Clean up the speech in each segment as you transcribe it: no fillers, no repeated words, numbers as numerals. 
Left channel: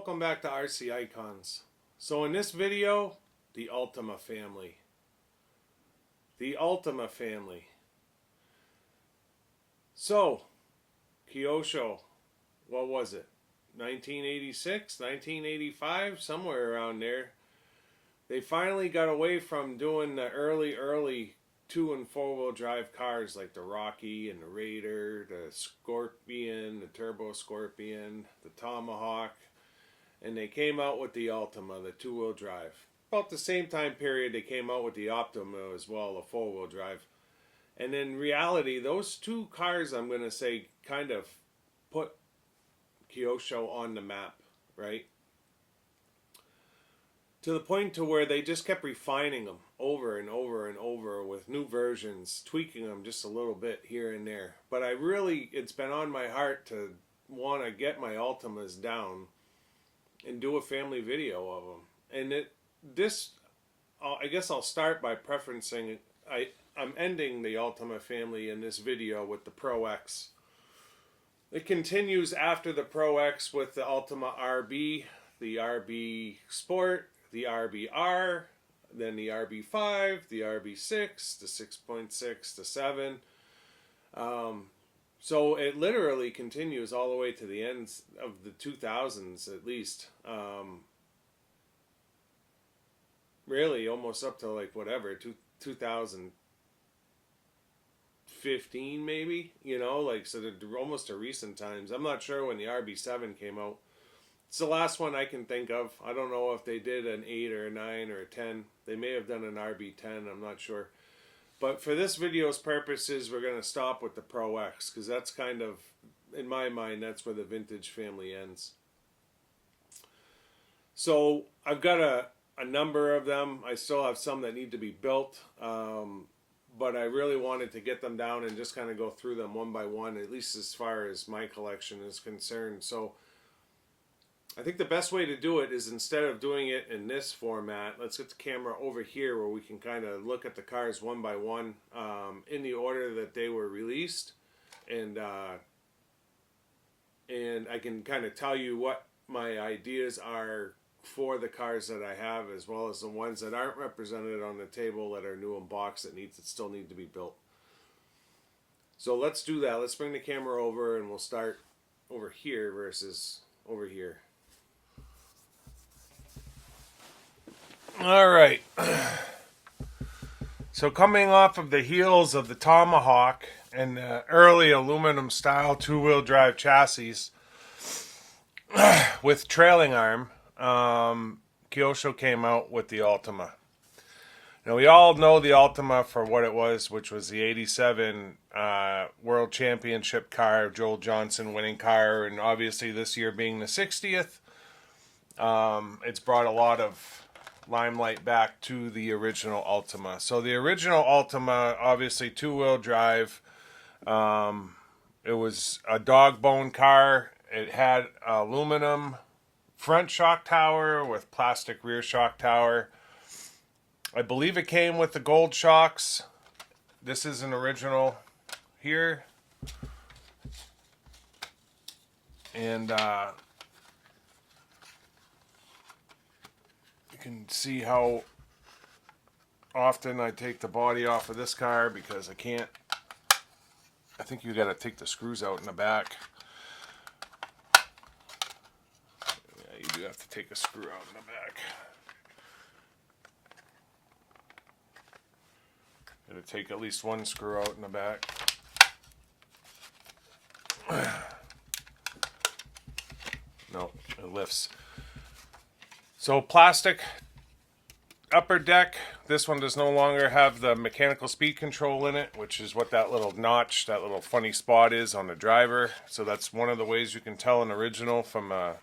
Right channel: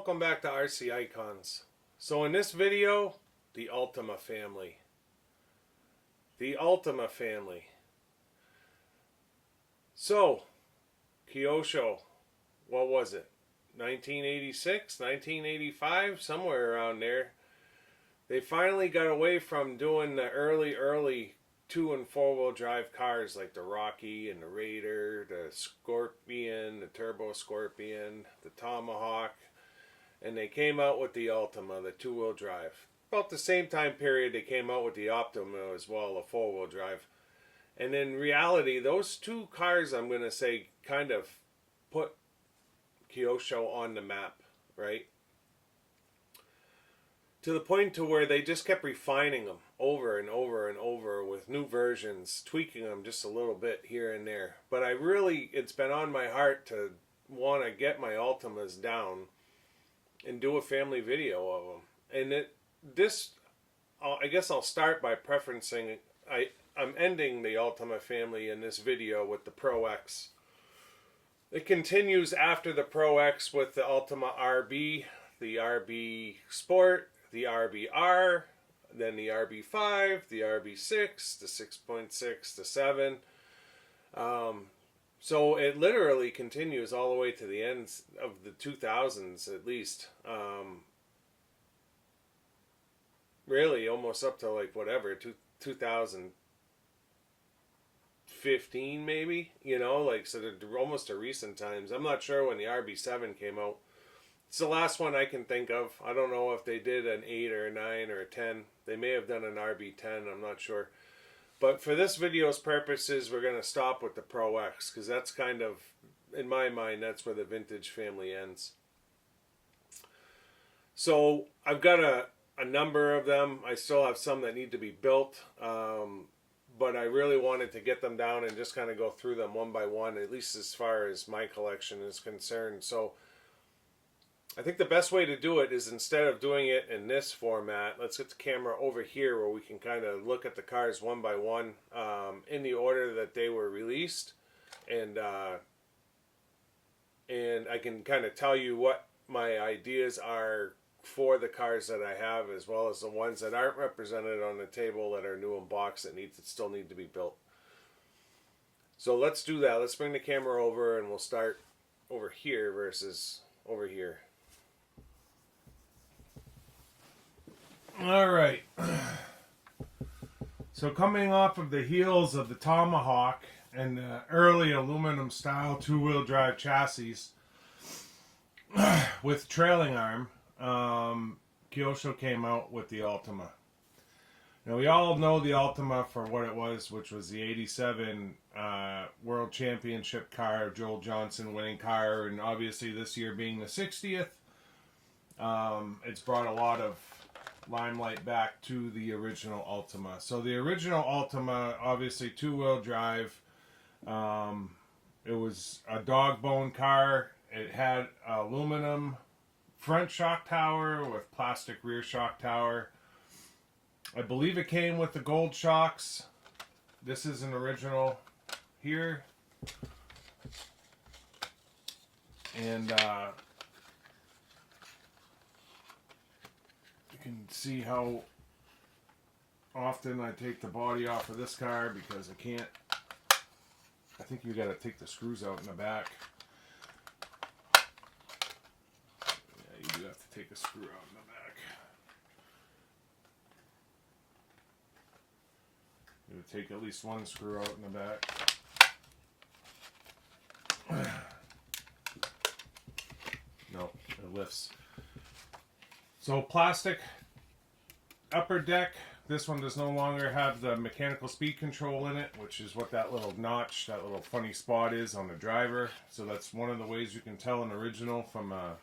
welcome back to RC Icons. So in this video, the Ultima family. The Ultima family. So, Kyosho, what was it? 1986, 1985, somewhere around there. They finally got away from doing the early 2- and 4-wheel drive cars like the Rocky and the Raider, the Scorpion, the Turbo Scorpion, the Tomahawk, and they came out with the Ultima, the 2-wheel drive. About the same time period they came out with the Optima as well, a 4-wheel drive. And in reality, those two cars, I'm going to say, kind of put Kyosho on the map, right? To the point to where they just kept refining them over and over and over with new versions, tweaking them just a little bit here and there. But it's been on my heart to want to get my Ultimas down and do a family video of them. And I guess I'll start by preferencing, I'm ending the Ultima family in this video with the Pro X. It continues after the Pro X with the Ultima RB, the RB Sport, the RBR, then the RB5, the RB6, the 6.6, the 7. So it literally continues all the way to the ends of the 2000s at least. Really almost up to like whatever, 2015 maybe, you know, like, so they're almost to recent times. I'm not sure when the RB7 came out. It's the last one I can think of. I don't know if they did an 8 or a 9 or a 10. They may have done an RB10, I'm not sure. But for this video's purposes, we're going to stop with the Pro X, because that's kind of, in my mind, that's where the vintage family ends. So I've got a number of them. I still have some that need to be built, but I really wanted to get them down and just kind of go through them one by one, at least as far as my collection is concerned. So I think the best way to do it is, instead of doing it in this format, let's get the camera over here where we can kind of look at the cars one by one in the order that they were released, and I can kind of tell you what my ideas are for the cars that I have, as well as the ones that aren't represented on the table that are new in box that still need to be built. So let's do that. Let's bring the camera over and we'll start over here versus over here. All right. So coming off of the heels of the Tomahawk and the early aluminum style 2-wheel drive chassis with trailing arm, Kyosho came out with the Ultima. Now we all know the Ultima for what it was, which was the 87 World Championship car, Joel Johnson winning car, and obviously this year being the 60th, it's brought a lot of limelight back to the original Ultima. So the original Ultima, obviously 2-wheel drive, it was a dog bone car. It had aluminum front shock tower with plastic rear shock tower. I believe it came with the gold shocks. This is an original here. And you can see how often I take the body off of this car, because I think you got to take the screws out in the back. Yeah, you do have to take a screw out in the back. Got to take at least one screw out in the back. No, it lifts. So plastic upper deck. This one does no longer have the mechanical speed control in it, which is what that little notch, that little funny spot is on the driver. So that's one of the ways you can tell an original from a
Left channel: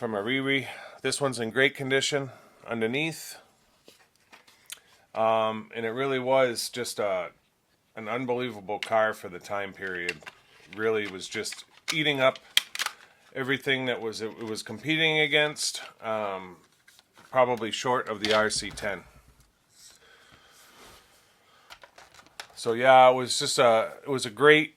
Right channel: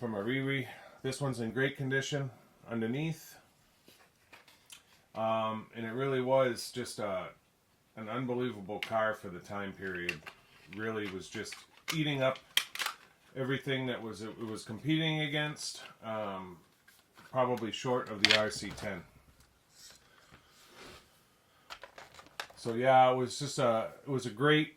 Riri. This one's in great condition underneath. And it really was just an unbelievable car for the time period. Really was just eating up everything that it was competing against, probably short of the RC10. So yeah, it was a great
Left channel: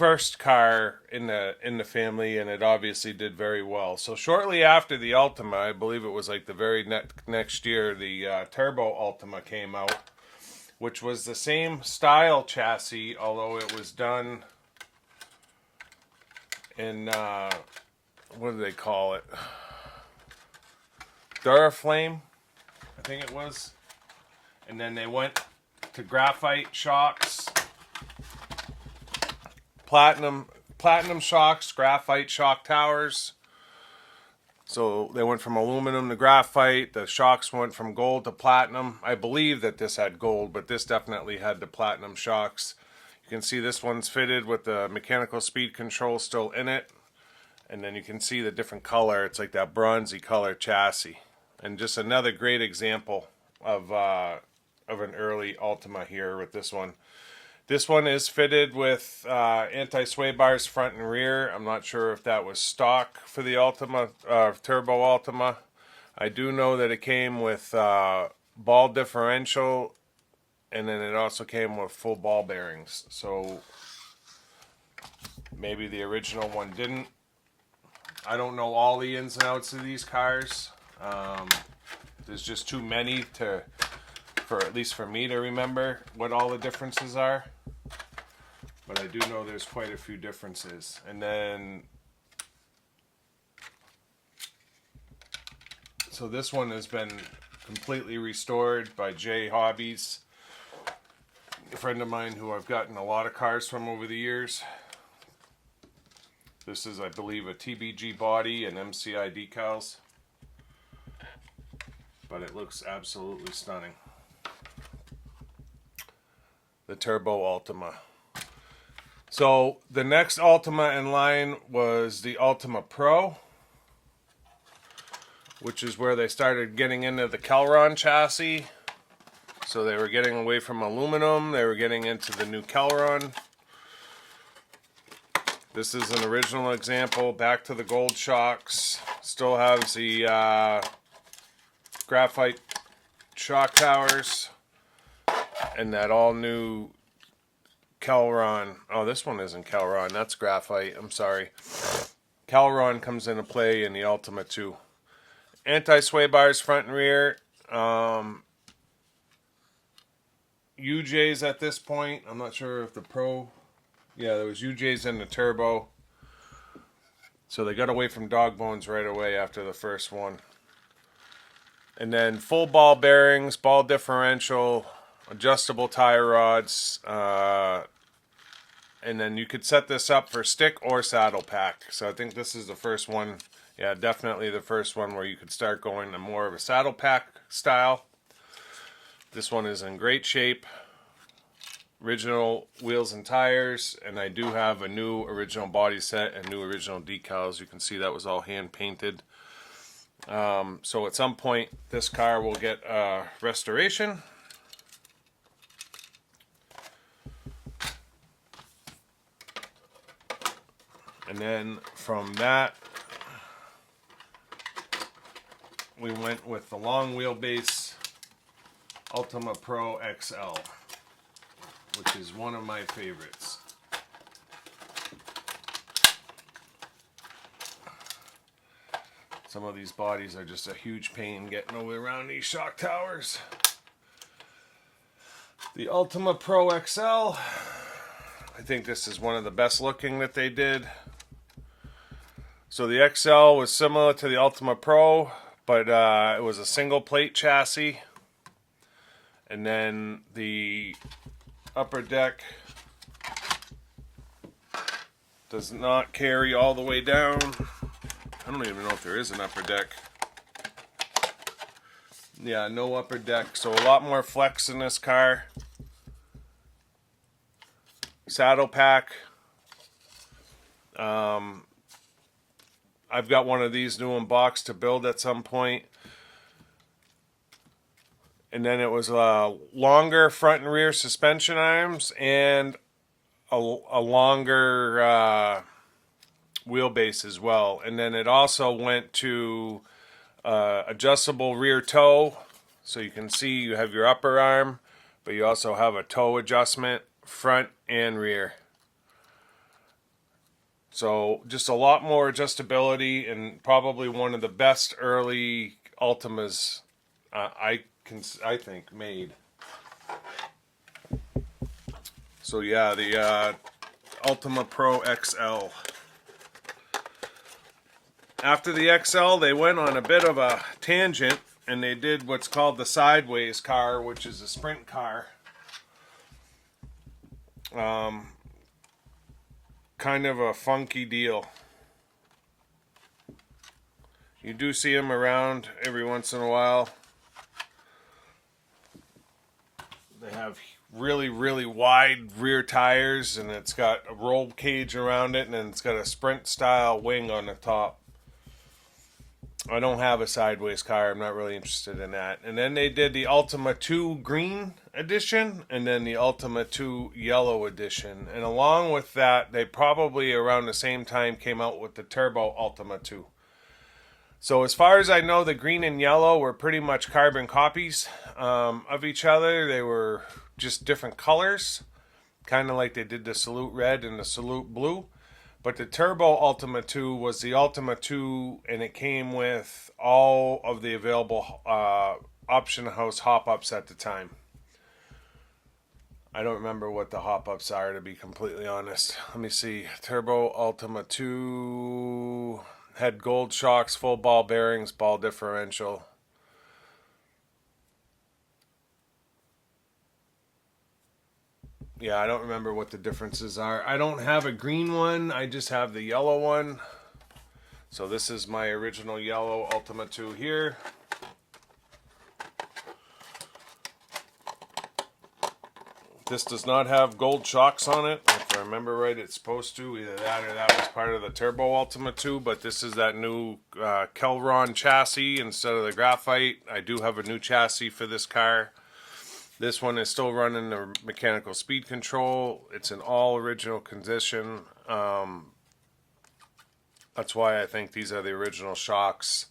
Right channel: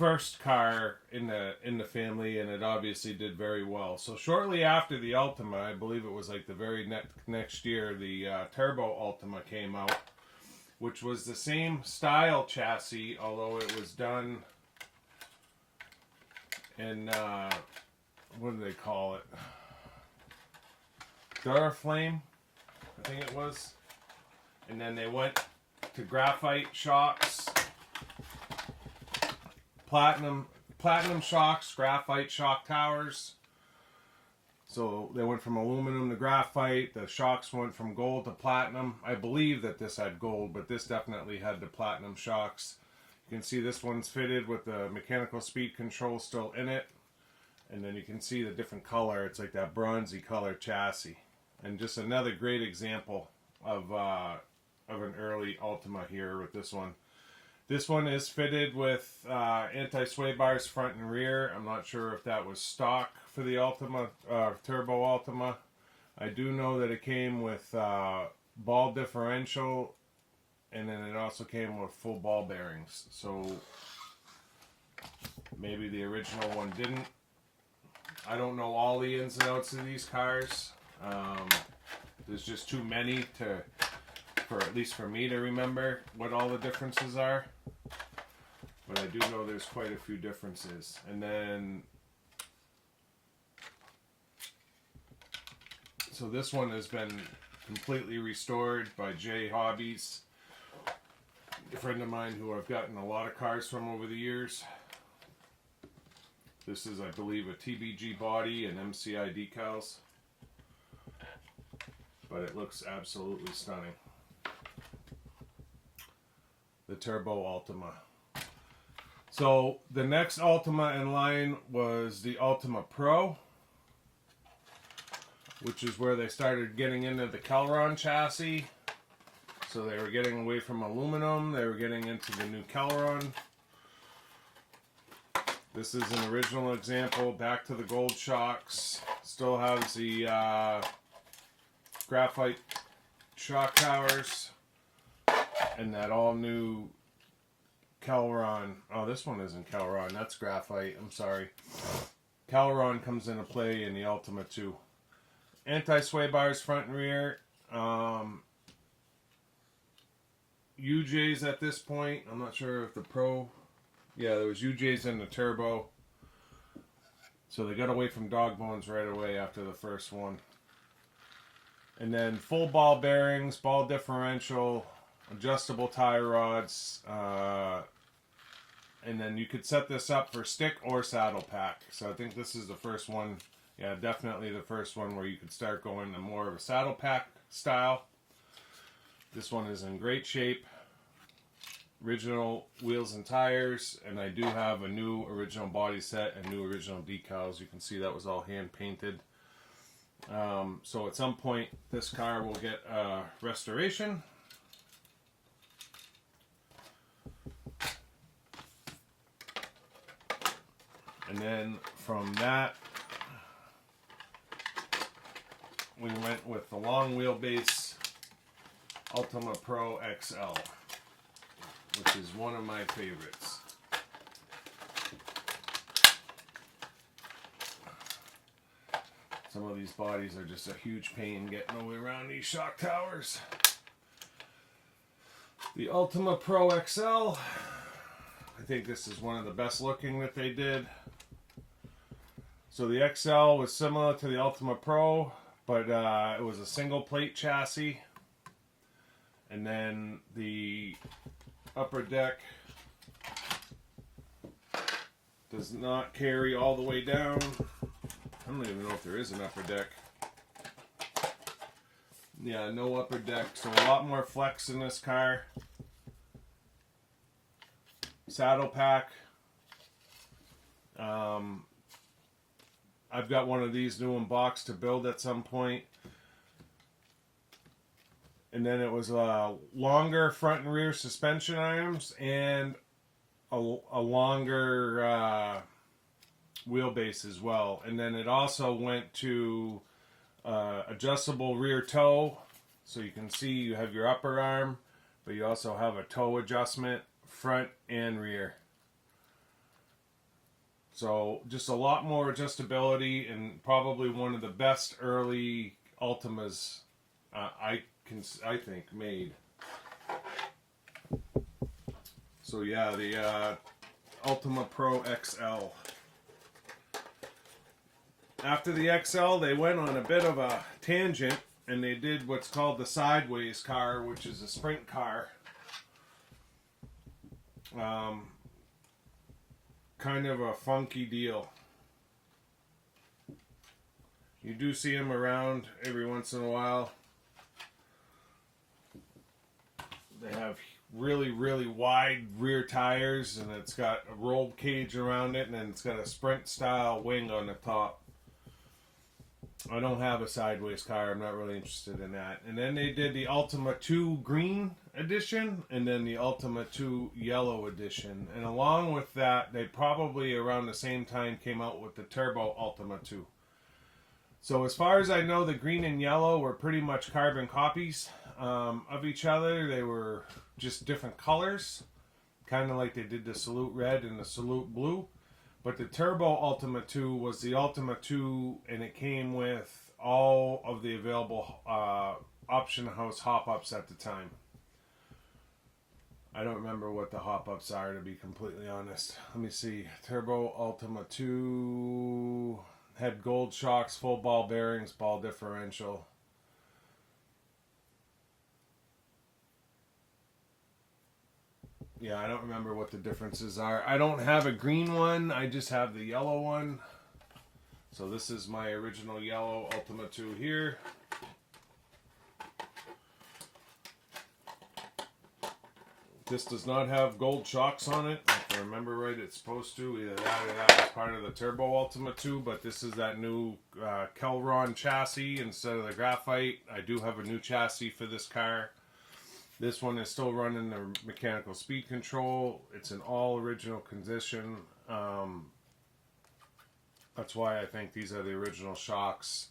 first car in the family, and it obviously did very well. So shortly after the Ultima, I believe it was like the very next year, the Turbo Ultima came out, which was the same style chassis, although it was done in what do they call it? Duraflame, I think it was. And then they went to graphite shocks, platinum shocks, graphite shock towers. So they went from aluminum to graphite. The shocks went from gold to platinum. I believe that this had gold, but this definitely had the platinum shocks. You can see this one's fitted with the mechanical speed control still in it. And then you can see the different color. It's like that bronzy color chassis. And just another great example of an early Ultima here with this one. This one is fitted with anti-sway bars front and rear. I'm not sure if that was stock for the Ultima, Turbo Ultima. I do know that it came with ball differential, and then it also came with full ball bearings. So maybe the original one didn't. I don't know all the ins and outs of these cars. There's just too many for at least for me to remember what all the differences are. But I do know there's quite a few differences. And then, so this one has been completely restored by Jay Hobbies, a friend of mine who I've gotten a lot of cars from over the years. This is, I believe, a TBG body and MCI decals. But it looks absolutely stunning. The Turbo Ultima. So the next Ultima in line was the Ultima Pro, which is where they started getting into the Kelron chassis. So they were getting away from aluminum. They were getting into the new Kelron. This is an original example. Back to the gold shocks. Still has the graphite shock towers. And that all new Kelron. Oh, this one isn't Kelron. That's graphite. I'm sorry. Kelron comes into play in the Ultima 2. Anti-sway bars front and rear. UJs at this point. I'm not sure if the Pro... Yeah, there was UJs in the Turbo. So they got away from dog bones right away after the first one. And then full ball bearings, ball differential, adjustable tie rods, and then you could set this up for stick or saddle pack. So I think this is the first one, yeah, definitely the first one where you could start going to more of a saddle pack style. This one is in great shape. Original wheels and tires, and I do have a new original body set and new original decals. You can see that was all hand painted. So at some point this car will get restoration. And then from that, we went with the long wheelbase Ultima Pro XL, which is one of my favorites. Some of these bodies are just a huge pain getting over around these shock towers. The Ultima Pro XL, I think this is one of the best looking that they did. So the XL was similar to the Ultima Pro, but it was a single plate chassis. And then the upper deck does not carry all the way down. I don't even know if there is an upper deck. Yeah, no upper deck, so a lot more flex in this car. Saddle pack. I've got one of these new in box to build at some point. And then it was longer front and rear suspension arms and a longer wheelbase as well. And then it also went to adjustable rear toe. So you can see you have your upper arm, but you also have a toe adjustment front and rear. So just a lot more adjustability, and probably one of the best early Ultimas I think made. So yeah, the Ultima Pro XL. After the XL, they went on a bit of a tangent, and they did what's called the sideways car, which is a sprint car. Kind of a funky deal. You do see them around every once in a while. They have really, really wide rear tires, and it's got a roll cage around it, and then it's got a sprint style wing on the top. I don't have a sideways car. I'm not really interested in that. And then they did the Ultima 2 green edition, and then the Ultima 2 yellow edition. And along with that, they probably around the same time came out with the Turbo Ultima 2. So as far as I know, the green and yellow were pretty much carbon copies of each other. They were just different colors, kind of like they did the Salute Red and the Salute Blue. But the Turbo Ultima 2 was the Ultima 2, and it came with all of the available option house hop-ups at the time. I don't remember what the hop-ups are, to be completely honest. Let me see. Turbo Ultima 2 had gold shocks, full ball bearings, ball differential. Yeah, I don't remember what the differences are. I don't have a green one. I just have the yellow one. So this is my original yellow Ultima 2 here. This does not have gold shocks on it. If I remember right, it's supposed to. Either that or that was part of the Turbo Ultima 2. But this is that new Kelron chassis instead of the graphite. I do have a new chassis for this car. This one is still running the mechanical speed control. It's in all original condition. That's why I think these are the original shocks.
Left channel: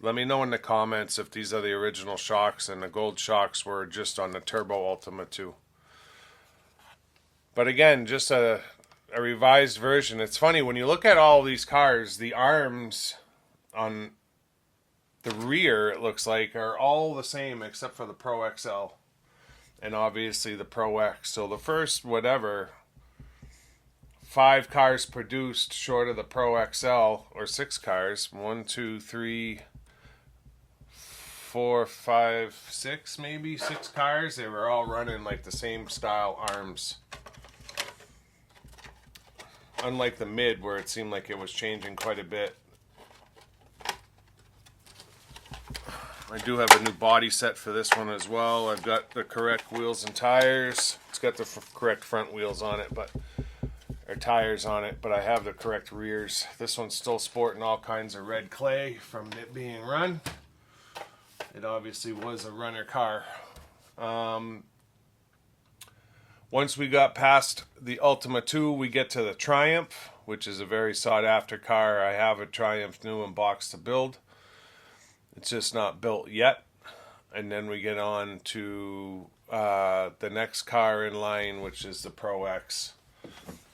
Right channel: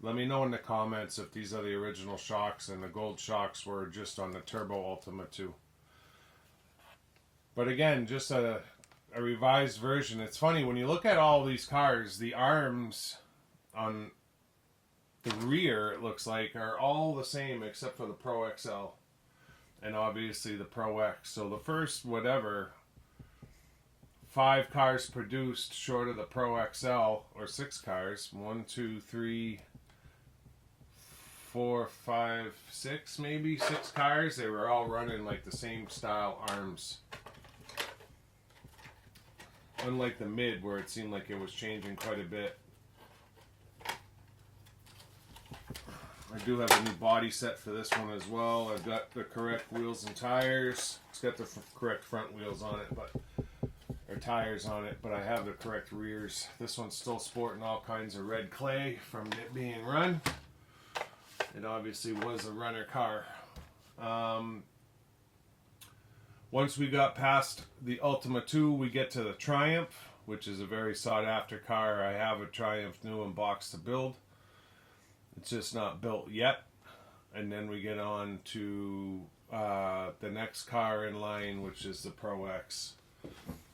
Let me know in the comments if these are the original shocks and the gold shocks were just on the Turbo Ultima 2. But again, just a revised version. It's funny, when you look at all these cars, the arms on the rear, it looks like, are all the same except for the Pro XL. And obviously the Pro X. So the first, 5 cars produced short of the Pro XL, or 6 cars. 1, 2, 3, 4, 5, 6, maybe 6 cars. They were all running like the same style arms. Unlike the mid, where it seemed like it was changing quite a bit. I do have a new body set for this one as well. I've got the correct wheels and tires. It's got the correct front wheels on it, or tires on it, but I have the correct rears. This one's still sporting all kinds of red clay from it being run. It obviously was a runner car. Once we got past the Ultima 2, we get to the Triumph, which is a very sought after car. I have a Triumph new in box to build. It's just not built yet. And then we get on to the next car in line, which is the Pro X,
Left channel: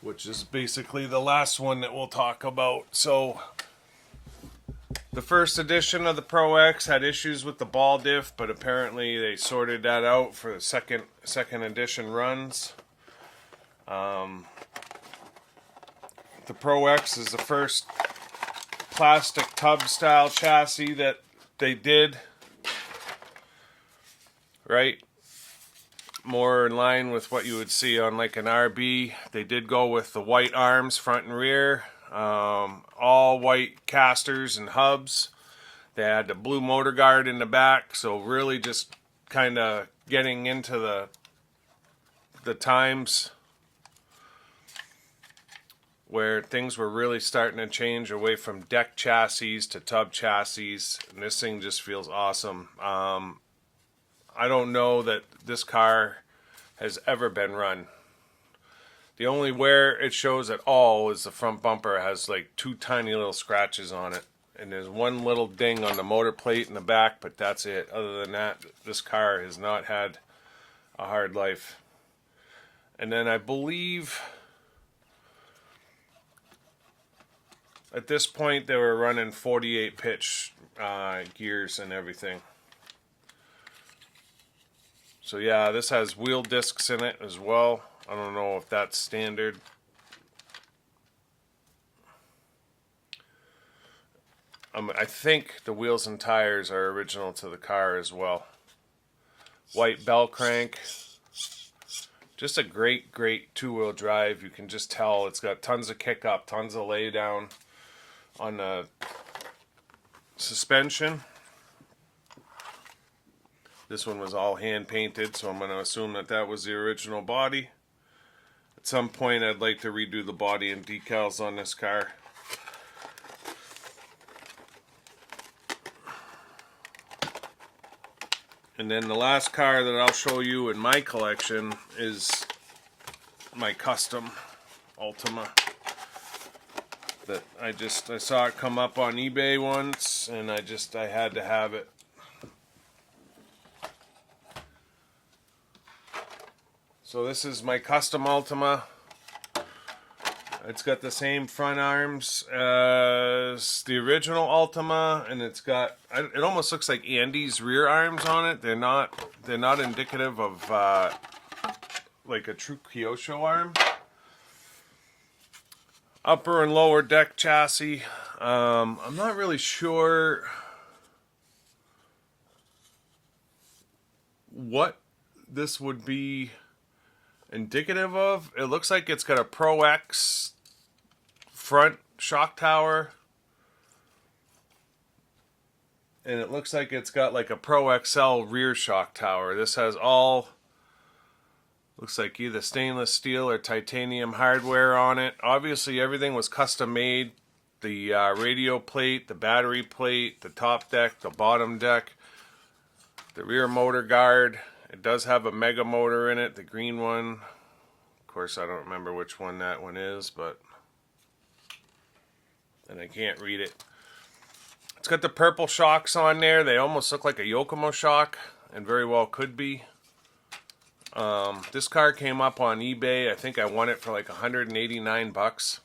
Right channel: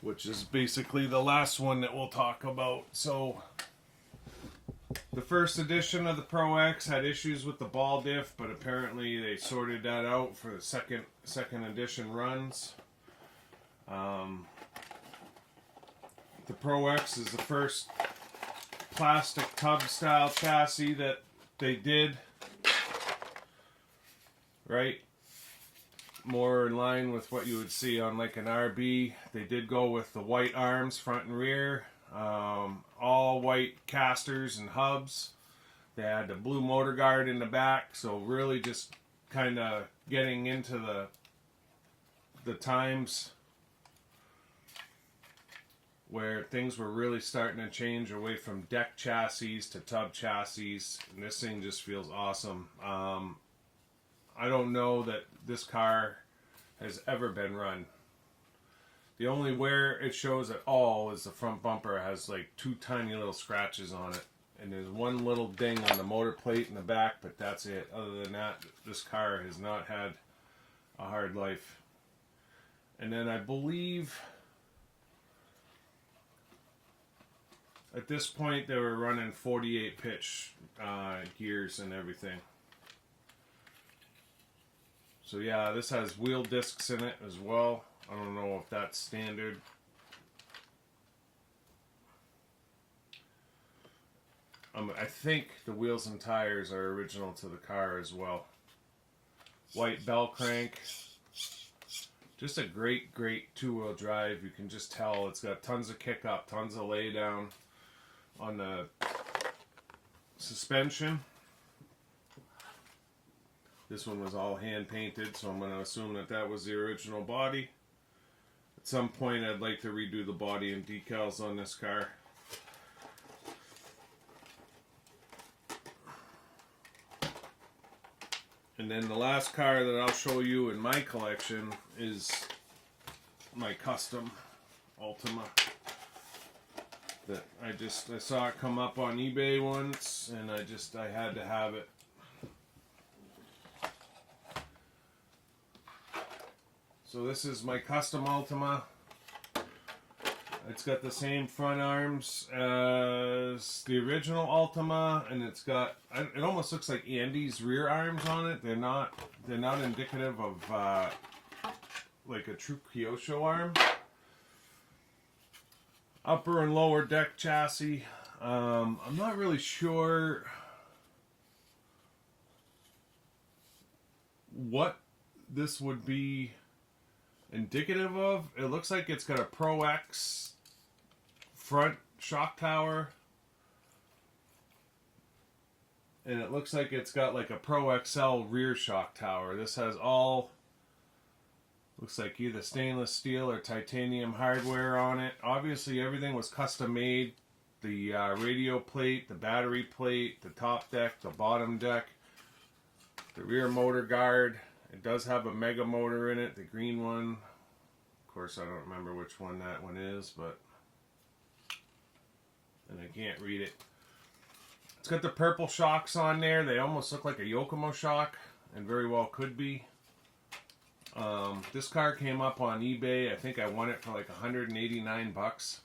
which is basically the last one that we'll talk about. So the first edition of the Pro X had issues with the ball diff, but apparently they sorted that out for the second edition runs. The Pro X is the first plastic tub style chassis that they did, right? More in line with what you would see on like an RB. They did go with the white arms, front and rear, all white casters and hubs. They had the blue motor guard in the back, so really just kind of getting into the times where things were really starting to change away from deck chassis to tub chassis, and this thing just feels awesome. I don't know that this car has ever been run. The only where it shows at all is the front bumper has like 2 tiny little scratches on it, and there's one little ding on the motor plate in the back, but that's it. Other than that, this car has not had a hard life. And then I believe At this point, they were running 48 pitch gears and everything. So yeah, this has wheel discs in it as well. I don't know if that's standard. I think the wheels and tires are original to the car as well. White bell crank. Just a great, great two-wheel drive. You can just tell it's got tons of kick up, tons of lay down on the suspension. This one was all hand painted, so I'm going to assume that that was the original body. At some point, I'd like to redo the body and decals on this car. And then the last car that I'll show you in my collection is my custom Ultima. That I saw it come up on eBay once, and I had to have it. So this is my custom Ultima. It's got the same front arms as the original Ultima, and it almost looks like Andy's rear arms on it. They're not indicative of like a true Kyosho arm. Upper and lower deck chassis. I'm not really sure what this would be indicative of. It looks like it's got a Pro X front shock tower, and it looks like it's got like a Pro XL rear shock tower. This has all, looks like either stainless steel or titanium hardware on it. Obviously everything was custom made. The radio plate, the battery plate, the top deck, the bottom deck, the rear motor guard. It does have a mega motor in it, the green one. Of course, I don't remember which one that one is, but... and I can't read it. It's got the purple shocks on there. They almost look like a Yokomo shock, and very well could be. This car came up on eBay. I think I won it for like 189 bucks.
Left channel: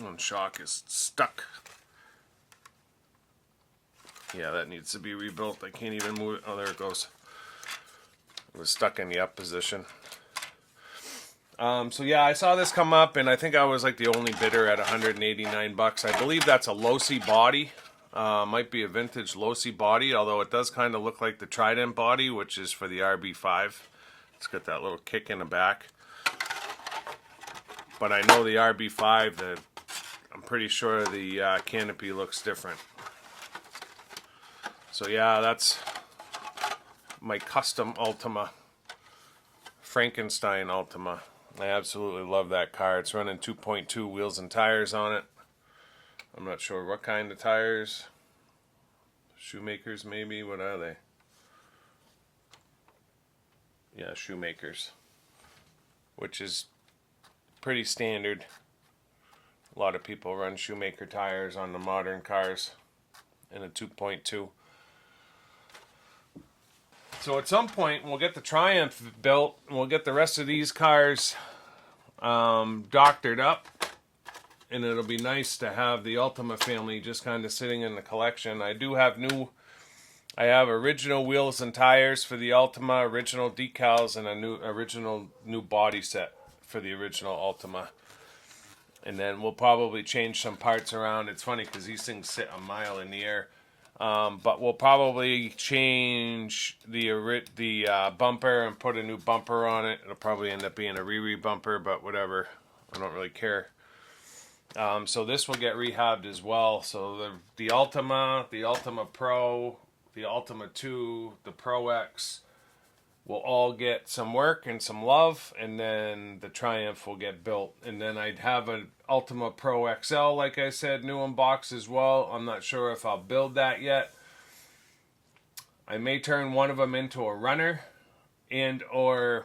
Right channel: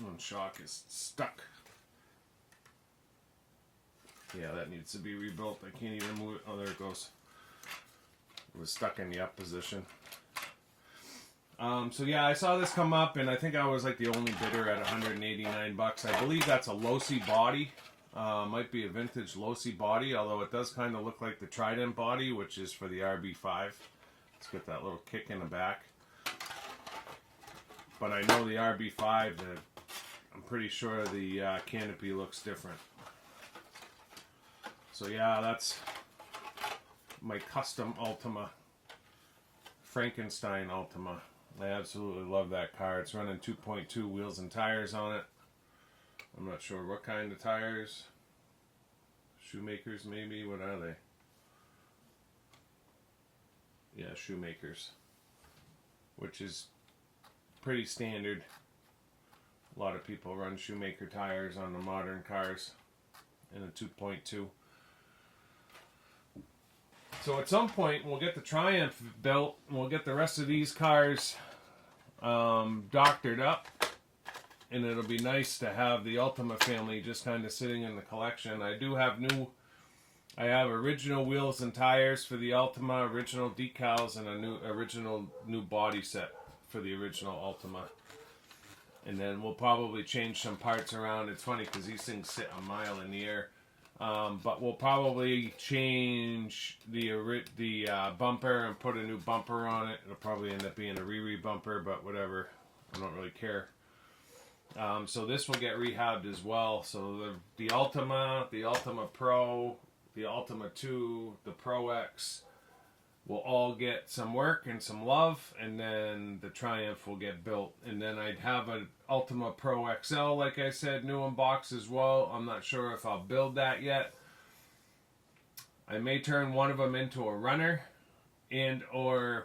One shock is stuck. Yeah, that needs to be rebuilt. I can't even move it. Oh, there it goes. It was stuck in the up position. So yeah, I saw this come up, and I think I was like the only bidder at 189 bucks. I believe that's a Losi body. Might be a vintage Losi body, although it does kind of look like the Trident body, which is for the RB5. It's got that little kick in the back. But I know the RB5, I'm pretty sure the canopy looks different. So yeah, that's my custom Ultima. Frankenstein Ultima. I absolutely love that car. It's running 2.2 wheels and tires on it. I'm not sure what kind of tires. Shoemakers maybe? What are they? Yeah, Shoemakers. Which is pretty standard. A lot of people run Shoemaker tires on the modern cars in a 2.2. So at some point we'll get the Triumph built, and we'll get the rest of these cars doctored up, and it'll be nice to have the Ultima family just kind of sitting in the collection. I have original wheels and tires for the Ultima, original decals, and a original new body set for the original Ultima. And then we'll probably change some parts around. It's funny because these things sit a mile in the air. But we'll probably change the bumper and put a new bumper on it. It'll probably end up being a Riri bumper, but whatever. I don't really care. So this will get rehabbed as well. So the Ultima, the Ultima Pro, the Ultima 2, the Pro X will all get some work and some love, and then the Triumph will get built. And then I'd have an Ultima Pro XL, like I said, new in box as well. I'm not sure if I'll build that yet. I may turn one of them into a runner and or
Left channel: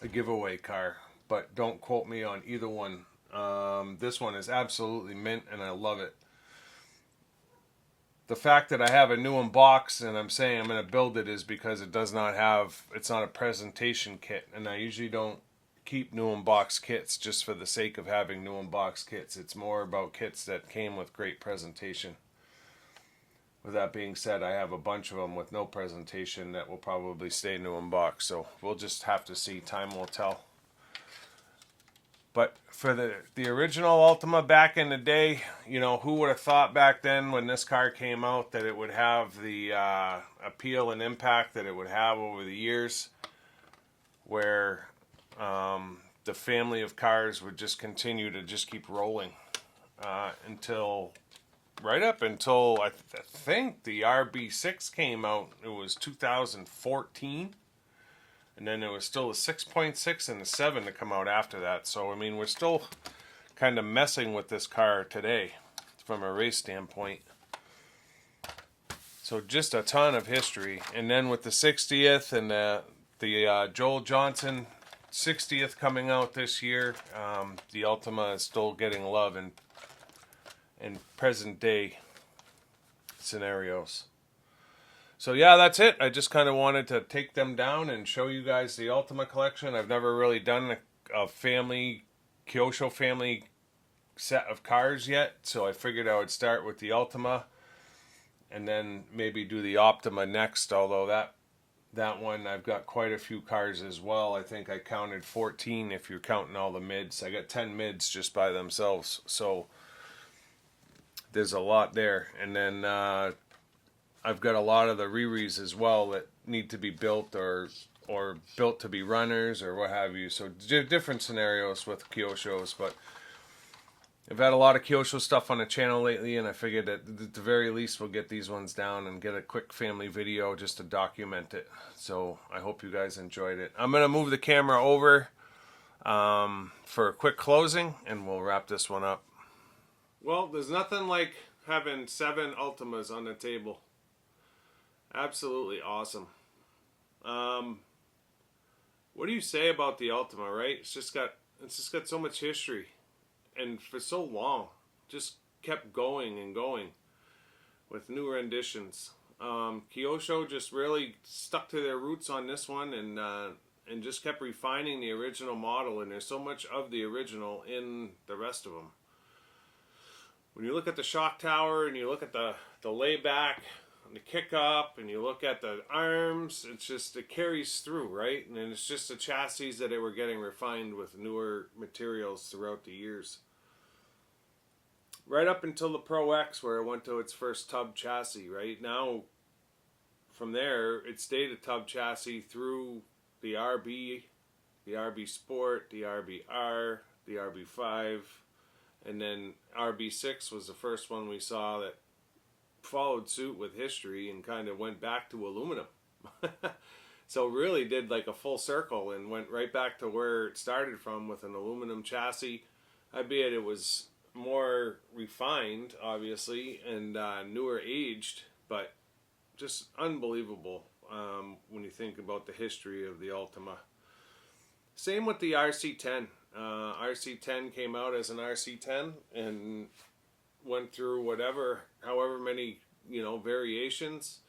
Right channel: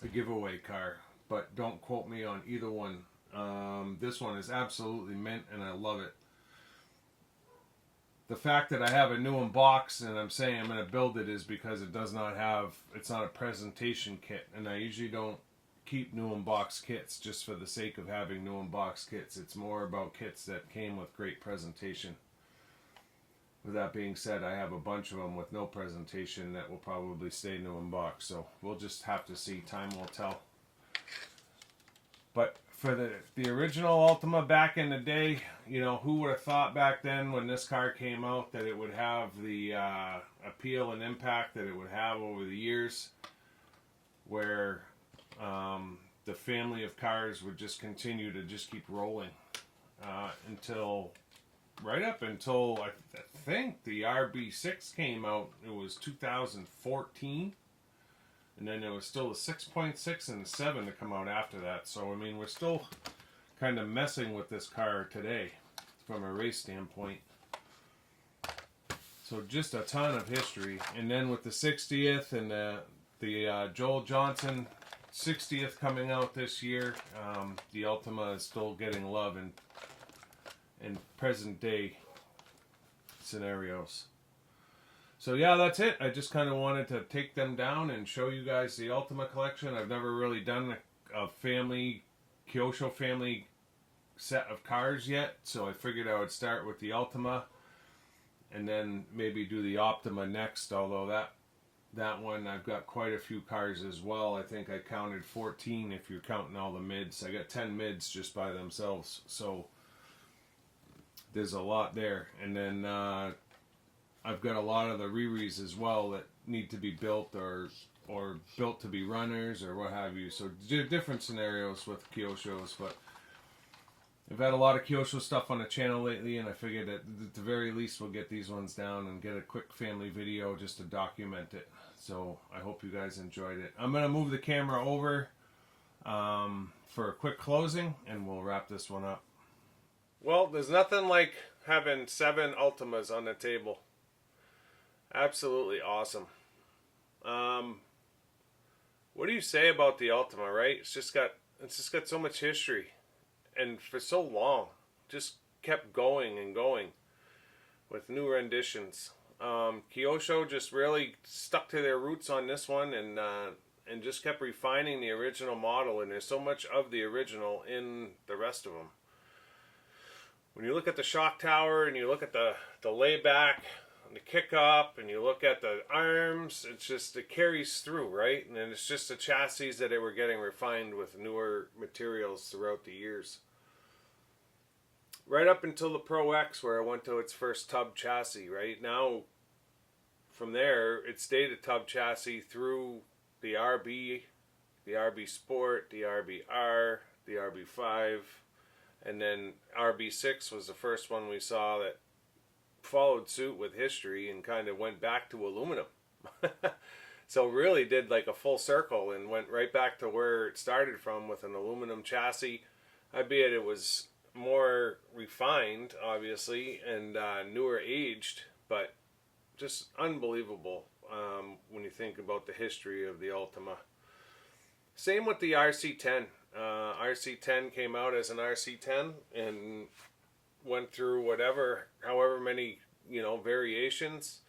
a giveaway car, but don't quote me on either one. This one is absolutely mint, and I love it. the fact that I have a new one box and I'm saying I'm going to build it is because it does not have, it's not a presentation kit. And I usually don't keep new unboxed kits just for the sake of having new unboxed kits. It's more about kits that came with great presentation. With that being said, I have a bunch of them with no presentation that will probably stay new unboxed. So we'll just have to see. Time will tell. But for the original Ultima back in the day, you know, who would have thought back then when this car came out that it would have the appeal and impact that it would have over the years, where the family of cars would just continue to just keep rolling until, right up until I think the RB6 came out. It was 2014. And then there was still a 6.6 and a 7 to come out after that. So, I mean, we're still kind of messing with this car today from a race standpoint. So just a ton of history. And then with the 60th and the Joel Johnson 60th coming out this year, the Ultima is still getting love in present day scenarios. So yeah, that's it. I just kind of wanted to take them down and show you guys the Ultima collection. I've never really done a family, Kyosho family set of cars yet. So I figured I would start with the Ultima and then maybe do the Optima next. Although that one, I've got quite a few cars as well. I think I counted 14 if you're counting all the mids. I got 10 mids just by themselves. So there's a lot there. And then I've got a lot of the Riris as well that need to be built or built to be runners or what have you. So different scenarios with Kyoshos, but I've had a lot of Kyosho stuff on the channel lately, and I figured that at the very least we'll get these ones down and get a quick family video just to document it. So I hope you guys enjoyed it. I'm going to move the camera over for a quick closing, and we'll wrap this one up. Well, there's nothing like having 7 Ultimas on the table. Absolutely awesome. What do you say about the Ultima, right? It's just got so much history, and for so long, just kept going and going with new renditions. Kyosho just really stuck to their roots on this one, and just kept refining the original model. And there's so much of the original in the rest of them. When you look at the shock tower and you look at the layback, the kick up, and you look at the arms, it carries through, right? And then it's just the chassis that they were getting refined with newer materials throughout the years. Right up until the Pro X, where it went to its first tub chassis, right? Now, from there, it stayed a tub chassis through the RB, the RB Sport, the RBR, the RB5, and then RB6 was the first one we saw that followed suit with history and kind of went back to aluminum. So really did like a full circle and went right back to where it started from with an aluminum chassis, albeit it was more refined obviously and newer aged, but just unbelievable when you think about the history of the Ultima. Same with the RC10. RC10 came out as an RC10 and went through however many, variations.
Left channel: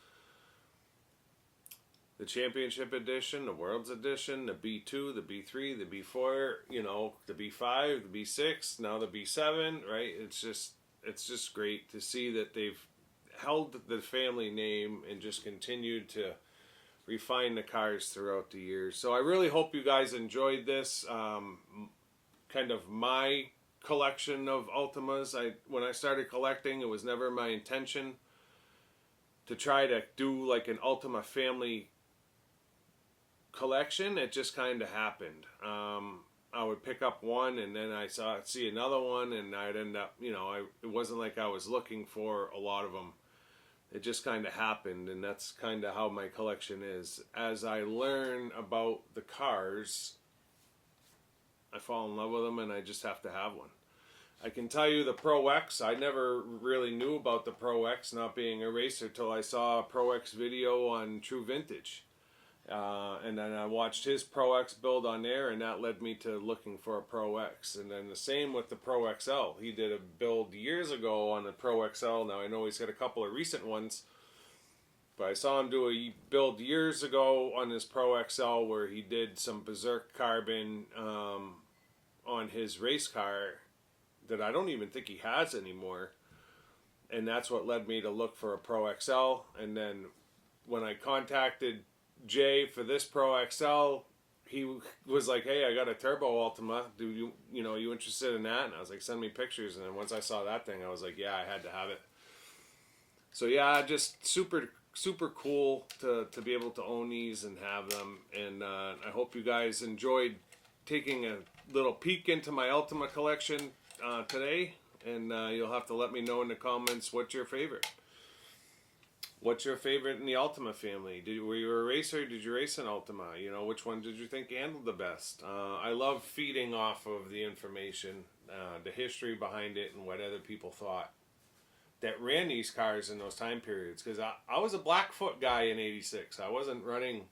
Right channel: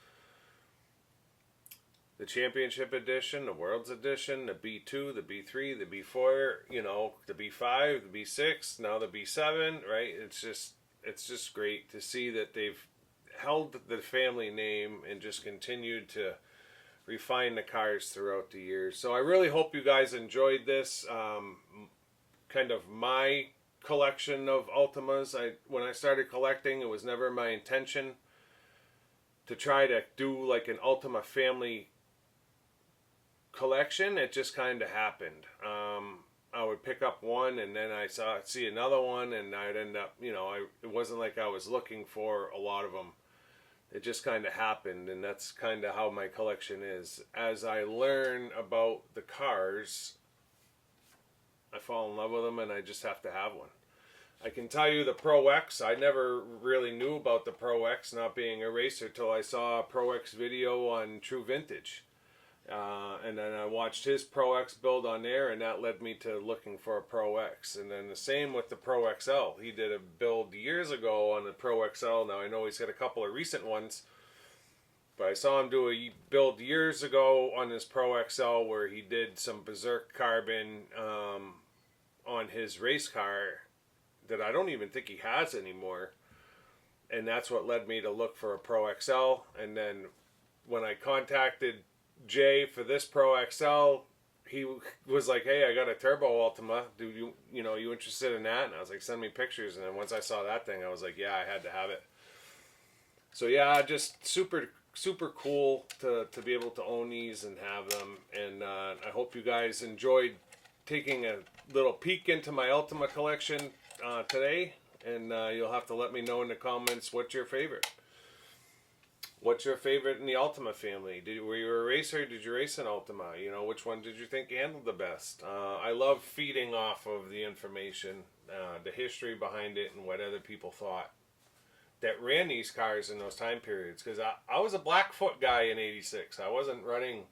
The Championship Edition, the World's Edition, the B2, the B3, the B4, the B5, the B6, now the B7, right? It's just great to see that they've held the family name and just continued to refine the cars throughout the years. So I really hope you guys enjoyed this, kind of my collection of Ultimas. When I started collecting, it was never my intention to try to do like an Ultima family collection. It just kind of happened. I would pick up one and then see another one, and I'd end up, it wasn't like I was looking for a lot of them. It just kind of happened, and that's kind of how my collection is. As I learn about the cars, I fall in love with them, and I just have to have one. I can tell you the Pro X, I never really knew about the Pro X, not being a racer, till I saw a Pro X video on True Vintage. And then I watched his Pro X build on there, and that led me to looking for a Pro X. And then the same with the Pro XL. He did a build years ago on the Pro XL. Now I know he's got a couple of recent ones, but I saw him do a build years ago on his Pro XL where he did some Berserk carbon on his race car that I don't even think he has anymore. And that's what led me to look for a Pro XL. And then when I contacted Jay for this Pro XL, he was like, "Hey, I got a Turbo Ultima. Do you interested in that?" And I was like, "Send me pictures." And then once I saw that thing, I was like, "Yeah, I had to have it." So yeah, just super cool to be able to own these and have them. And I hope you guys enjoyed taking a little peek into my Ultima collection today. And you'll have to let me know in the comments what's your favorite. What's your favorite in the Ultima family? Were you a racer? Did you race an Ultima? You know, which one did you think handled the best? I love feeding off of the information, the history behind it, and what other people thought that ran these cars in those time periods. Because I was a Blackfoot guy in '86. I wasn't running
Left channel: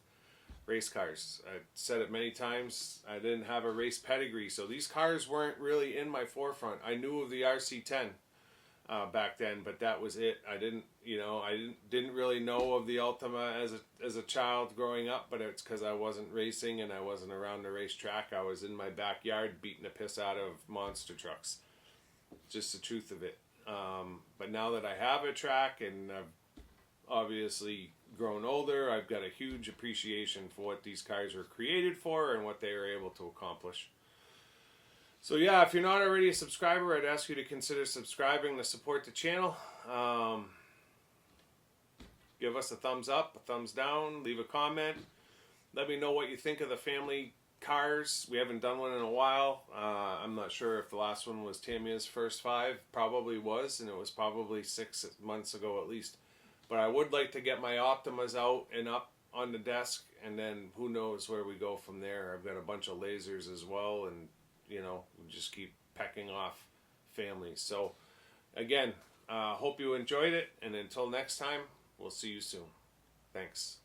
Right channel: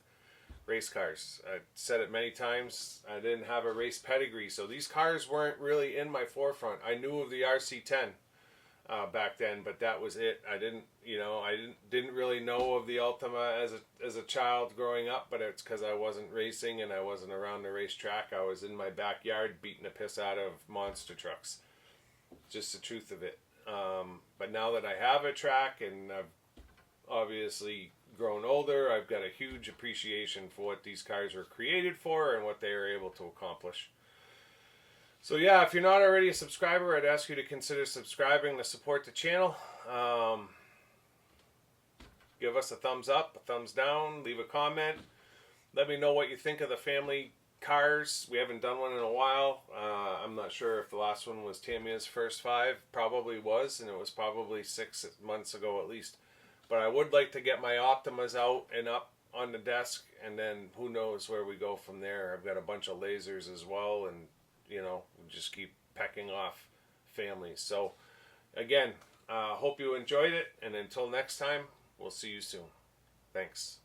race cars. I said it many times. I didn't have a race pedigree, so these cars weren't really in my forefront. I knew of the RC10 back then, but that was it. I didn't really know of the Ultima as a child growing up, but it's because I wasn't racing and I wasn't around the racetrack. I was in my backyard beating the piss out of monster trucks. Just the truth of it. But now that I have a track and I've obviously grown older, I've got a huge appreciation for what these cars were created for and what they were able to accomplish. So yeah, if you're not already a subscriber, I'd ask you to consider subscribing to support the channel. Give us a thumbs up, a thumbs down, leave a comment. Let me know what you think of the family cars. We haven't done one in a while. I'm not sure if the last one was Tamiya's first 5. Probably was, and it was probably 6 months ago at least. But I would like to get my Optimas out and up on the desk, and then who knows where we go from there. I've got a bunch of lasers as well, and we just keep pecking off families. So again, hope you enjoyed it, and until next time, we'll see you soon. Thanks.